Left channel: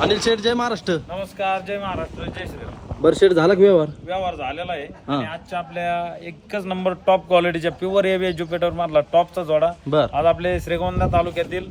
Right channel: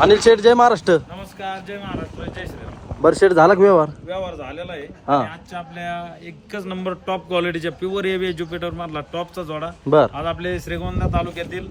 अनिल शेठ, जय महाराष्ट्र. नमस्कार, जय महाराष्ट्र, जय श्रीराम. बरं शेठ, झाला का व्यवहार? व्यवहार झालेला आहे आणि आजच्या आपल्या एकच नंबर टॉप क्वालिटीच्या प्युअर एबी ज्युपिटर मधला टॉपचा जोडा. बर. आज आपले श्रीगोंदा तालुक्यातील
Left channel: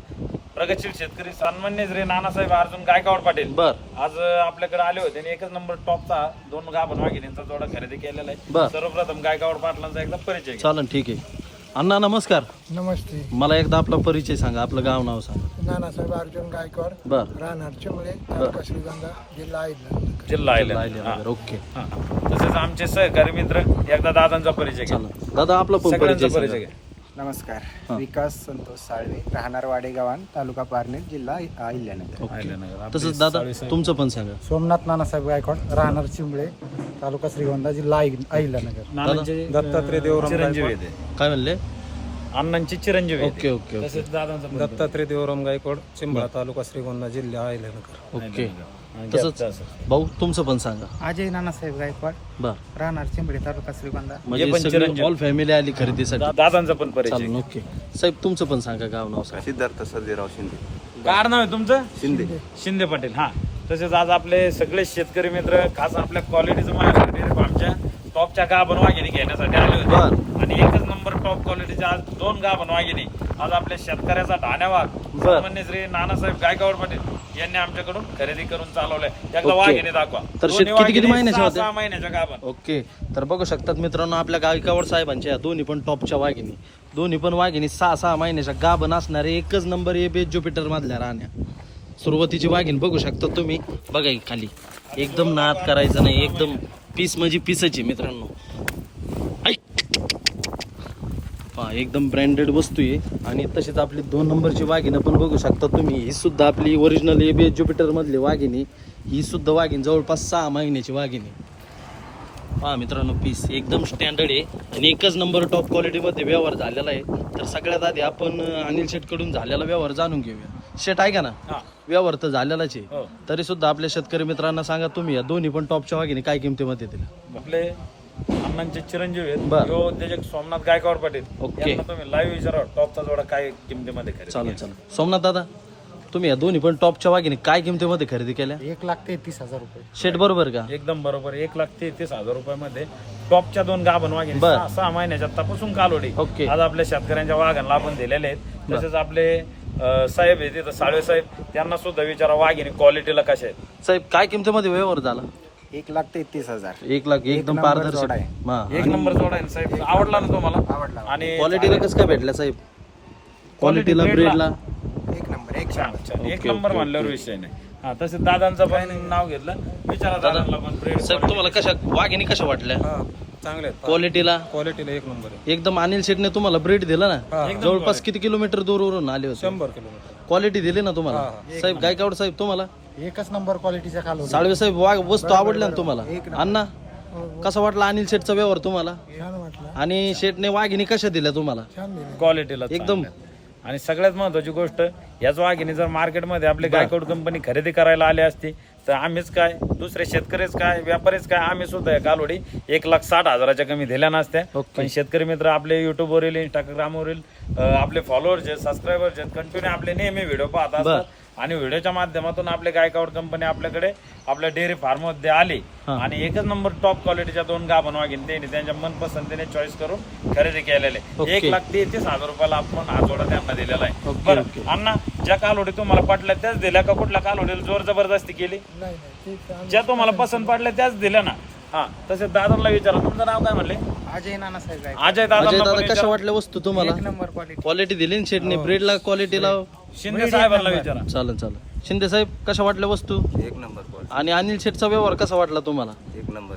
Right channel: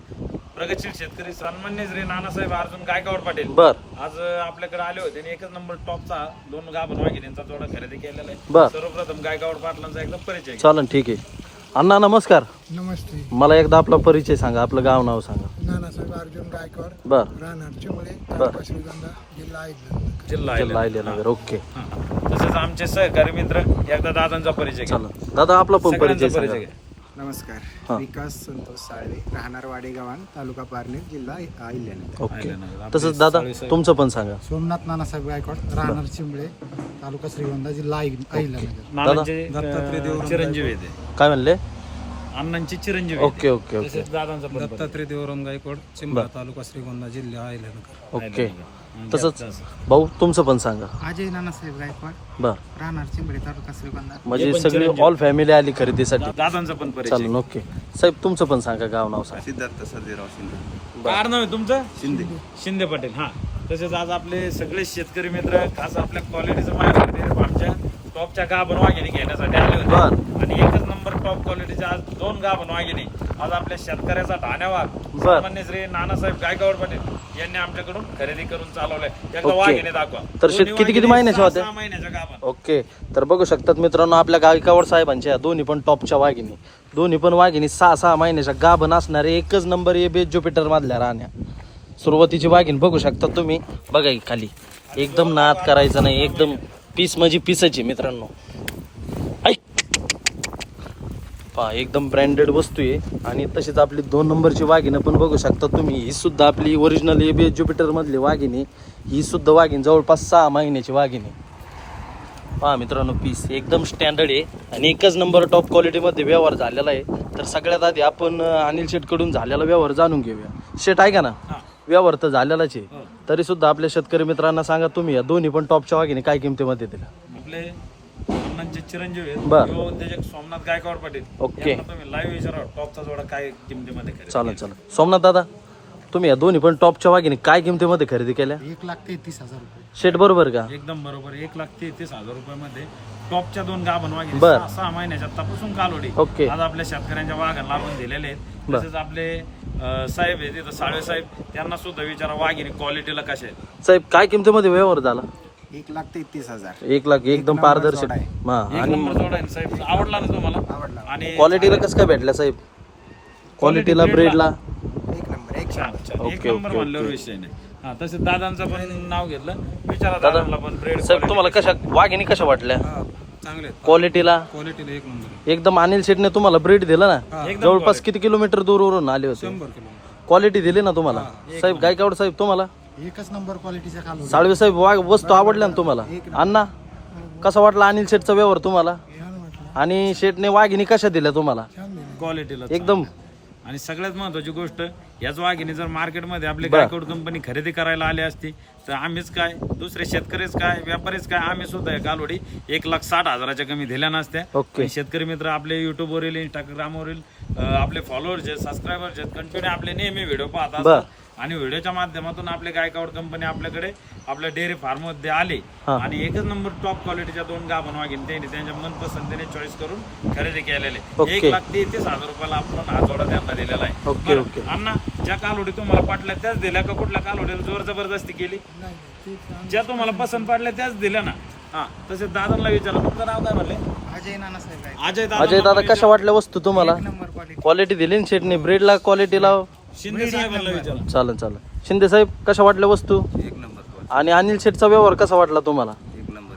प्रगतशील शेतकरी सन्मान्य श्री नानासाहेब अर्जुन गायकवाड पाटील बर आज आपल्याकडे आले होते आणि एकच नंबर टॉपचा 2 गाभण वाघिणींचा जोडा खरेदी केलेला आहे. बर. सर्वप्रथम गायकवाड पाटलांचा एकदा परिचय घ्या. चालन, ठीक आहे. अण्णा नमस्कार. नमस्ते. मला एकदा आपला परिचय सांगा, आपलं गाव नाव सांगा. नानासाहेब अर्जुन गायकवाड, बर. राहणार चिंबळे, तालुका श्रीगोंदा, जिल्हा अहिल्यानगर. जिल्हा आयल्यानगर. आयल्यानगर. ओके, हा. तसेच आमचे सहकारी मित्र एकदा दादांचा परिचय घ्या. चालन. दादा, आपला पण सगळ्यांचा परिचय परिचय सांगा. घ्या. नमस्कार. विकास संतोष साळवे, राहणार वाडेगावान, तालुका पारनेर, जिल्हा अहिल्यानगर. ओके. आयल्यानगर. आपले तसंच दादा, साळवे साहेब. तुमचं पण सांगा. सोमनाथ नानासाहेब गायकवाड, राहणार चिंबळे, तालुका श्रीगोंदा, जिल्हा अहिल्यानगर. नानांचे दत्तात्रय देवराम चिरंजीव येते, काय म्हणले? अण्णांची चिरंजीव येते. ओके ओके ओके तसेच दादांचा पण दत्तात्रय देवराम गायकवाड, चिंबळा, तालुका श्रीगोंदा, जिल्हा अहिल्यानगर. ओके. आणि तसंच असं. भाऊ, तुमचं पण सांगा. अजय नानासाहेब गायकवाड, बर. राहणार चिंबळे, तालुका श्रीगोंदा. म्हणजे पण सगळी चिरंजीव. ऑल फॅमिली आली खरेदीसाठी. दादांचा पण परिचय. चालन, ओके. साहेब, तुमचं पण सांगा, गाव नाव सांगा. सिद्धार्थ सर्जेराव शिंदे. काय नाव आहे तुमचं? शिंदे. शिंदे पाटील. हा. तसेच आज आपले सगळे शेतकरी मित्र खास आपल्या क्वालिटीचं माहिती आमच्या टॉपच्या गाभण वाघिणी घेण्यासाठी आले होते आणि एकच नंबर टॉप क्वालिटीच्या आज 2 गाभण वाघिणी आज आपल्या शेतकऱ्याचा ढाण्यावाग सन्मान्य श्री नानासाहेब गायकवाड पाटील यांनी आमच्याकडून खरेदी करून चालवलंय. एकदा ओके. वाघिणी दाखवा. तर दोन्ही किती वाघिणी महिन्याच्या होत्या? 6 महिन्याच्या गाभण. ओके. तर बघू शकतात मित्रांनो, आपल्या गायकवाड साहेबांच्या दोन्ही पण टॉपच्या वाघिणी, दोन्ही पण वाघिणी 6 महिन्याच्या गाभण असणारे एकच नंबर एबी ज्युपिटर मधल्या राहण्या. सुरुवातीची वाघीण बघू शकता तुम्ही, बघा खाली एकदम नाद करायचं नाही, एकदम पीस म्हणजे पीसाची मित्रांनो. ऐक. पहा, एकदम ब्रँडेड वस्तू आहे. आणि तशीच आपली 2 नंबरची वाघिणी पण बघू शकता तुम्ही. ही सुद्धा आपली ओरिजिनल एबी ज्युपिटर मधली वाघिणी. ही सुद्धा वाघीण जवळपास 6 महिन्याची वाघिणी. पहा मित्रांनो, पीस एकदम स्टँडर्ड आहे आणि एकच नंबर टॉप क्वालिटीमध्ये व्यवहार झालेला आहे. तर सगळ्यात आधी आपण अनिल शेठ कडून झालेला व्यवहार जाणून घेऊया. शेठ ऐका ना, हा. व्यवहार तर झालेलाच आहे, हो. तरी सुद्धा आपल्या शेतकरी मित्रांना सांगा तुम्ही, या दोन्ही पण टॉपच्या वाघिणी काय किमतीमध्ये दिल्या? आपले अण्णांचे चिरंजीव आहेत बर. यो उद्योजक सोमनाथ गायकवाड पाटील ओके. यांना तुम्ही लाईव्ह विचारा टॉपचा जोडा काय किमतीमध्ये खरेदी चालेल केला. चालेल. सोमनाथ दादा, तुम्ही या दोन्ही पण टॉपच्या वाघिणी काय किमतीमध्ये खरेदी केल्या? 1,33,000 रुपये. शेठ बरोबर का? एकदम बरोबर. 1,33,000 रुपयामध्ये टॉपच्या 2 गाभण वाघिणी बर. 6 महिन्याच्या तपासून कालोडी ओके. आज आपल्या शेतकऱ्यांच्या वाघांना आपण दिलेले आहेत. तसेच आपले साहेब आहेत तिथं, साळवे साहेब, त्यांना सुद्धा विचारा वाघिणी क्वालिटीला कशा आहेत. साहेब, काय किमतीमध्ये व्यवहार झाला? 1,33,000. 1 लाख. एकदम नंबर पारदर्शक. जोडा आहे. हा. एक आणि नंबर जोडा आहे ना साहेब. आवडला ना तुम्हाला? आवडला. आणि क्वालिटीला कसं काय भेटला साहेब? क्वालिटी क्वालिटीला, ब्रेडला? ब्रेडला? एक नंबर, एक छान नंबर. छान. एक ओके, नंबर ओके, म्हणल्यावर ओके. विषय नाही. हा. तसेच दादांचं पण नाव घेतलं, विचारा दादांना पण ब्रेड साहेब, तुम्हाला कशा वाघिणी कशा वाटल्या? चांगले क्वालिटीला क्वालिटीला एक नंबर एकदम अनिल शेठने तुम्हाला ब्रेड दिला ना? एकदम जवळपास किती किलोमीटर दूरवरून आले होते? 100 किलोमीटर. क्वालिटी दिली ना तुम्हाला? साहेब गायकवाड साहेब, तुम्हाला? एकच नंबर क्वालिटीच्या खाली. साळवे साहेब, वस्तू आवडल्या ना तुम्हाला? अण्णा, कसा वाटला अनिल शेठचा व्यवहार तुम्हाला? छान वाटलं. आणि शेठने वाघिणी कशा दिल्या तुम्हाला? छान दिलं. क्वालिटीला एकदम. आणि सगळ्यात महत्वाची गोष्ट, याच वाघिणी जर मार्केटमध्ये आपली गायकवाड कंपनी खरेदी करायला आली असती तर आम्हीच काय, दुसरे शेतकरीच काय, व्यापारीच काय, आम्ही सुद्धा या कालोडी 1,60,000च्या कमी दिल्या नसत्या. ओके. पण शेतकरी मित्र आपले युट्यूबवरील, इंस्टाग्रामवरील आपले फॉलोअर्स आहेत, सबस्क्रायबर्स आहेत, कंटिन्यू आपले नेहमी व्हिडिओ पाहत असतात. आणि व्हिडिओच्या माध्यमातून आपले गायकवाड कंपनी आपल्याकडे आपल्या डेअरी फार्म मध्ये आली आणि एकच नंबर टॉप क्वालिटीच्या 2 गाभण वाघिणी त्यांनी त्यांच्या मनपसंतीने चॉईस करून खरेदी केलेले. ओके. 1,33,000 रुपयाला आपण हा जोडा त्यांना दिलेला आहे. ओके, बरं ओके. अण्णा, ज्या कालोडी तुम्हाला पटल्या त्याच दिल्या का कुठल्या कालोडीला जोर जबरदस्ती केली? नाही नाही, ते ज्या तुम्हाला पसंत पडल्या त्याच दिल्या ना? हा. तसेच दादांना विचारा, तुमचं नाव काय म्हणले? अजय नानासाहेब गायकवाड. अजय अजय दादा दादा, कशा वाटल्या वस्तू तुम्हाला? एक नंबर क्वालिटी. क्वालिटी दिली ना शेठने? ब्रेडला क्वालिटीला? शिंदे साहेबांना विचारा. चालेल चालेल. शिंदे साहेब, कशा वाटल्या वस्तू? एक नंबर. आणि अनिल शेठचा व्यवहार कसा वाटला तुम्हाला? एक नंबर.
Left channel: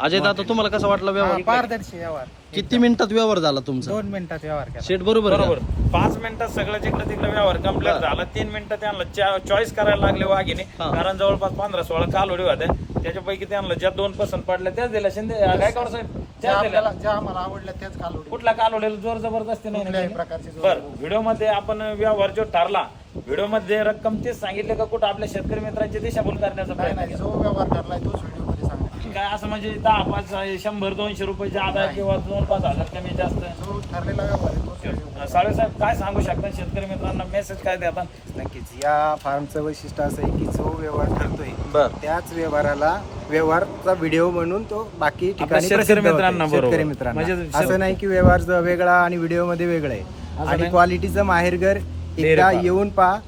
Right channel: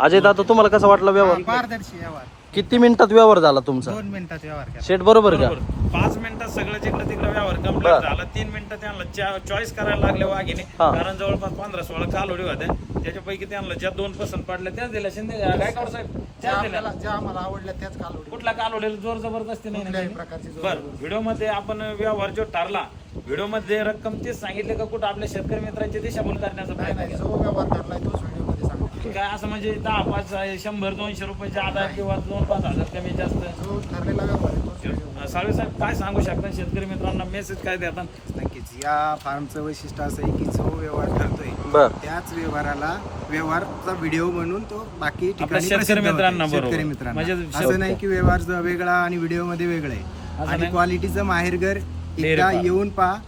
अजय दादा, तुम्हाला कसा वाटला व्यवहार? पारदर्शी व्यवहार. किती मिनिटात व्यवहार झाला तुमचा? 2 मिनिटात व्यवहार केला. शेठ बरोबर का? बरोबर. 5 मिनिटात सगळं जिकडे तिकडे व्यवहार कम्प्लीट झाला. 3 मिनिटात त्यांना चॉईस करायला लागले वाघिणी. हा. कारण जवळपास 15-16 कालोडी होत्या. त्याच्यापैकी त्यांना ज्या 2 पसंत पडल्या त्याच दिल्या. शिंदे गायकवाड साहेब त्याच दिल्या. ज्या आम्हाला आवडल्या त्याच कालोडी. कुठल्या कालोडीला जोर जबरदस्ती नाही ना कुठल्याही केली? प्रकारची जोर बरं. व्हिडिओ मध्ये आपण व्यवहार जो ठरला, व्हिडिओ मध्ये रक्कम तेच सांगितले का कुठं आपल्या शेतकरी मित्रांची दिशाभूल करण्याचा नाही प्रयत्न नाही, जो व्यवहार ठरलाय तोच व्हिडिओ मध्ये सांगितलं. काय असं म्हणजे 10, 5, 100, 200 रुपयाच्या आधार किंवा 2-5 हजार कमी जास्त? जो ठरलेला व्यवहार आहे तोच व्हिडिओ. साळवे साहेब काय सांगू शकता शेतकरी मित्रांना मेसेज काय देतात? नक्कीच या फार्मचं वैशिष्ट्य असं आहे की जो व्यवहार ठरतोय बर त्याच व्यवहाराचा व्हिडिओ म्हणून तो बाकी आपल्या ठिकाणी शेतकरी प्रसिद्ध होतोय. मित्रांना बरोबर. शेतकरी मित्रांना म्हणजे असं नाही की व्यवहार जो वेगळा आणि व्हिडिओ मध्ये वेगळं आहे असं आणि नाही? क्वालिटीचं माहेरघर डेअरी एकदा फार्म. येऊन पहा,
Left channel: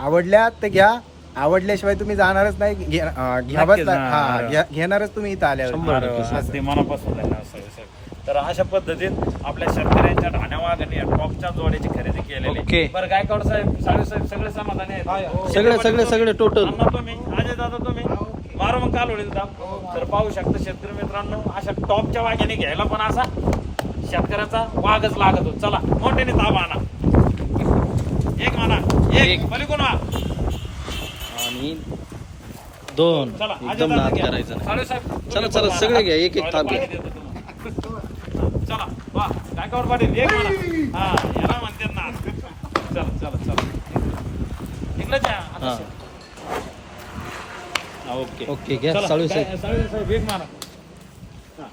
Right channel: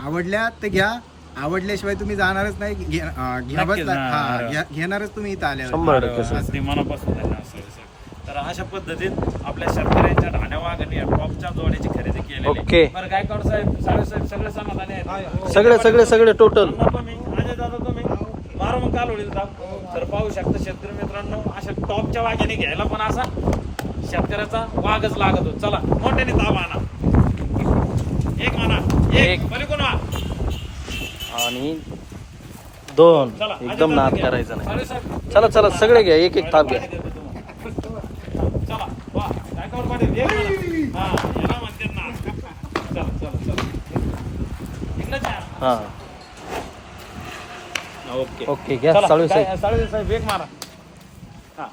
आवडल्या तर घ्या, आवडल्याशिवाय तुम्ही जाणारच नाही, नक्कीच, हा. घेणारच तुम्ही इथं आल्यावर. शंभर. अगदी मनापासून धन्यवाद साळवे साहेब. तर अशा पद्धतीत आपल्या शेतकऱ्यांच्या ढाण्यावागणी टॉपच्या जोड्याची खरेदी ओके. केलेली. बरं गायकवाड साहेब, साळवे साहेब सगळे समाधानी आहेत? सगळे टोटल अण्णा तुम्ही, अजय दादा तुम्ही मारो मग काल होईल तर पाहू शकता शेतकरी मित्रांनो, अशा टॉपच्या वाघिणी घ्यायला पण असा शेतकऱ्याचा वाघच लागत होत. चला मोठ्याने ताबा आणा, एक म्हणा, एक पलीकडून वा. आणि 2 चला, अजय एकदम दादा नाद घ्या. करायचा. साळवे साहेब, चला चला सगळे घ्या, एक एक ताप घ्या. चला वा गायकवाड पाटील एक म्हणा. हा याला म्हणतात ना. चला चला चला इकडंच आहे. हा ओके ओके घ्या चला, साळवे साहेब. साळवे साहेब एक मारा. हा.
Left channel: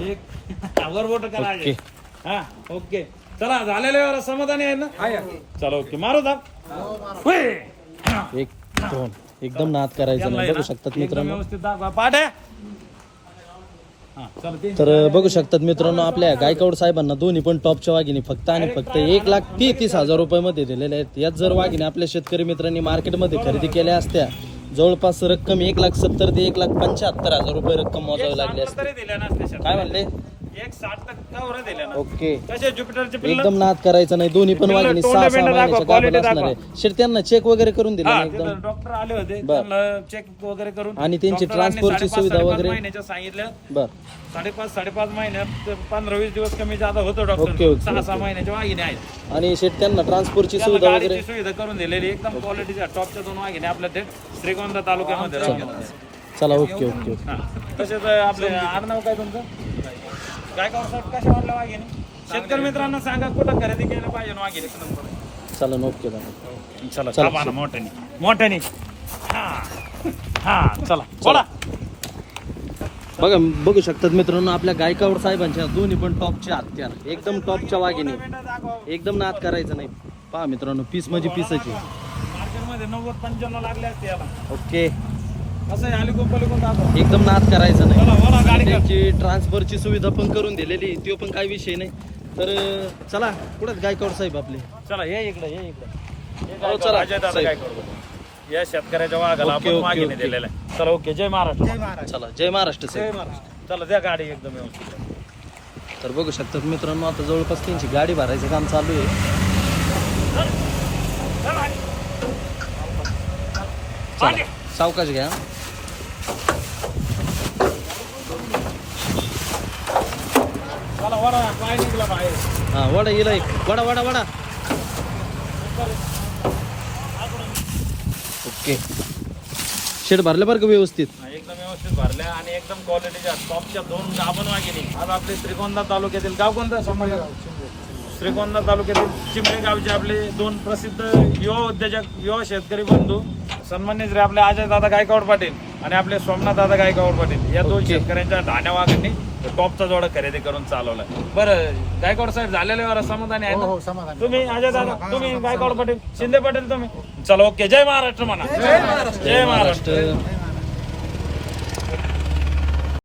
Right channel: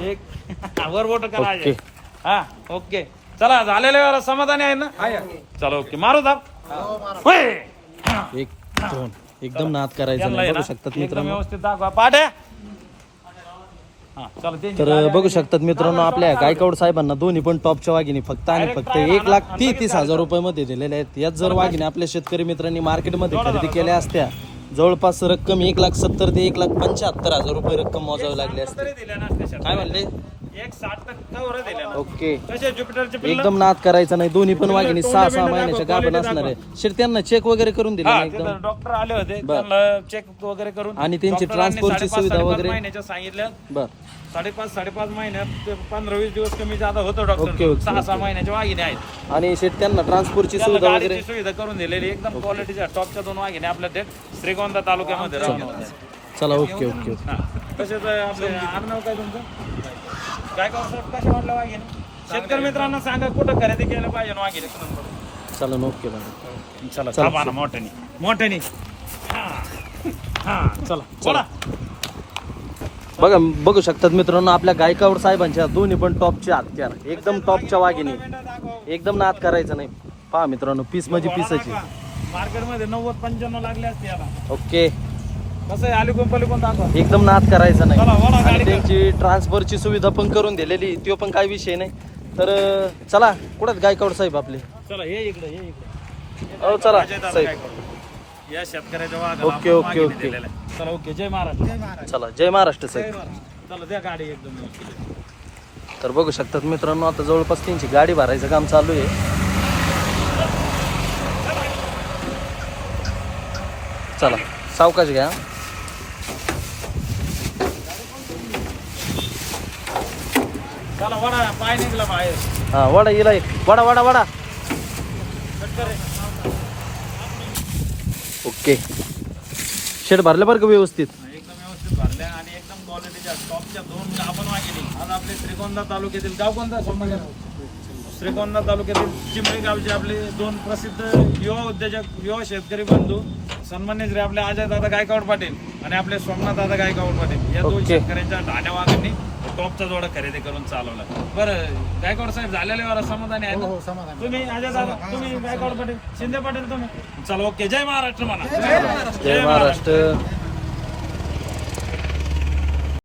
एक वर बोट करा ओके. अजय. हा ओके चला झालेल्या समाधानी आहे ना? चला ओके मारू दाब. होय. 1 2 एकदम नाद करायचा यांना नाही. आहे बघू ना, शकतात एकदम मित्रांनो. व्यवस्थित दाखवा पाट्या. हा चला ते तर बघू शकतात मित्रांनो, आपल्या गायकवाड साहेबांना दोन्ही पण टॉपच्या वाघिणी फक्त आणि फक्त 1,30,000 रुपये मध्ये दिलेल्या आहेत. याच जर वाघिणी आपल्या शेतकरी मित्रांनी मार्केटमध्ये खरेदी केल्या असत्या, जवळपास रक्कम 1,70,000 ते 1,75,000 रुपये रक्कम मोजावी लागली असते. तरी दिल्या नसते शेतकऱ्याला. काय म्हणले? 1,60% वर दिल्या ना. ओके कसे ज्युपिटरचे पिल्लं? एकदम नाद करायचा नाही. दोन्ही पण वाघिणी तोंड 6-6 बिंड दाखवा, महिन्याच्या गाभण quality असणार आहे. शेट त्यांना चेक वगैरे करून दिले हा ना तिथं एकदम. डॉक्टर आले होते, बर. त्यांना चेक वगैरे करून आणि त्यांची डॉक्टरांनी ट्रान्सपोर्टची 5.5 सुविधा 5.5 वगैरे? महिन्याच्या सांगितलं. बर 5.5 महिन्यात 15-20 दिवस कमी जादा होतो ओके, डॉक्टर. Okay, 6-6 okay. महिन्याच्या वाघिणी आहेत. आणि शेट त्यांना ट्रान्सपोर्टची त्यांना सुविधा गाडीची वगैरे? सुविधा करून दिलेली एकदम क्वालिटीच्या टॉपच्या 2 वाघिणी आपल्या थेट श्रीगोंदा तालुक्यामध्ये राहून. चला ओके ओके ओके. हा. तसेच आपले आडनाव काय तुमचं? गायकवाड साहेब कशा वाटल्या वाघिणी? शेतकरी मित्रांना सांगा कुठं खरेदी केलं पाहिजे वाघिणी. चला ओके दादा. चला चला. थांबा ना मोठ्याने हा चला बोला. बघू शकतात मित्रांनो, आपल्या गायकवाड साहेबांच्या दोन्ही पण टॉपच्या हत्यार, एकदम टॉपच्या वाघिणी, एकदम नाद करायचं नाही. पहा मित्रांनो, पीस म्हणजे पीसच आहे. मार्केटमध्ये 90-95 लागले असते याला. ओके कसं आहे आली कोण दाखवा. एकदम नाद करायचा नाही. चला बोला गाडी. त्यांची ट्रान्सफरची सुविधा पण करून दिलेली, तो पण काही विषय नाही. तर चला कुठं गायकवाड साहेब आपले. चला ये इकडे ये इकडे. हो, चला. अजय दादा साहेब. काय करू या शेतकऱ्याच्या वाघाला ओके, आपण ओके, मागितले ओके. दिलेला आहे. चला ओके जय महाराष्ट्र. चला जय महाराष्ट्र जय साहेब. महाराष्ट्र. चला द्या गाडी एकदम व्यवस्थित. तर बघू शकतात मित्रांनो, आता जवळपास त्यांची गाडी भरायचं काम चालू आहे. चला सावकाश घ्या. चला वडा पाय निघला बाहेर. हा वडा येईल, वडा वडा वडा. ओके शेड भरलं बरं का व्यवस्थित. एकदम व्यवस्थित भरल्या आणि एकदम क्वालिटीच्या टॉपच्या 2 गाभण वाघिणी. आज आपले श्रीगोंदा तालुक्यातील गाव कोणतं? श्रीगोंदा तालुक्यातील चिंबळे गावचे आपले 2 प्रसिद्ध युवा उद्योजक, युवा शेतकरी बंधू सन्मान्य श्री आपले अजय दादा गायकवाड पाटील आणि आपले सोमनाथ दादा गायकवाड पाटील या 2 ओके. शेतकऱ्यांच्या ढाण्या वाघांनी टॉपचा जोडा खरेदी करून चालवला. बरं गायकवाड साहेब झालेले वर समाधानी आहे ना? तुम्ही अजय दादा, तुम्ही गायकवाड पाटील, शिंदे पाटील तुम्ही. चला ओके जय महाराष्ट्र म्हणा. जय महाराष्ट्र. महाराष्ट्र.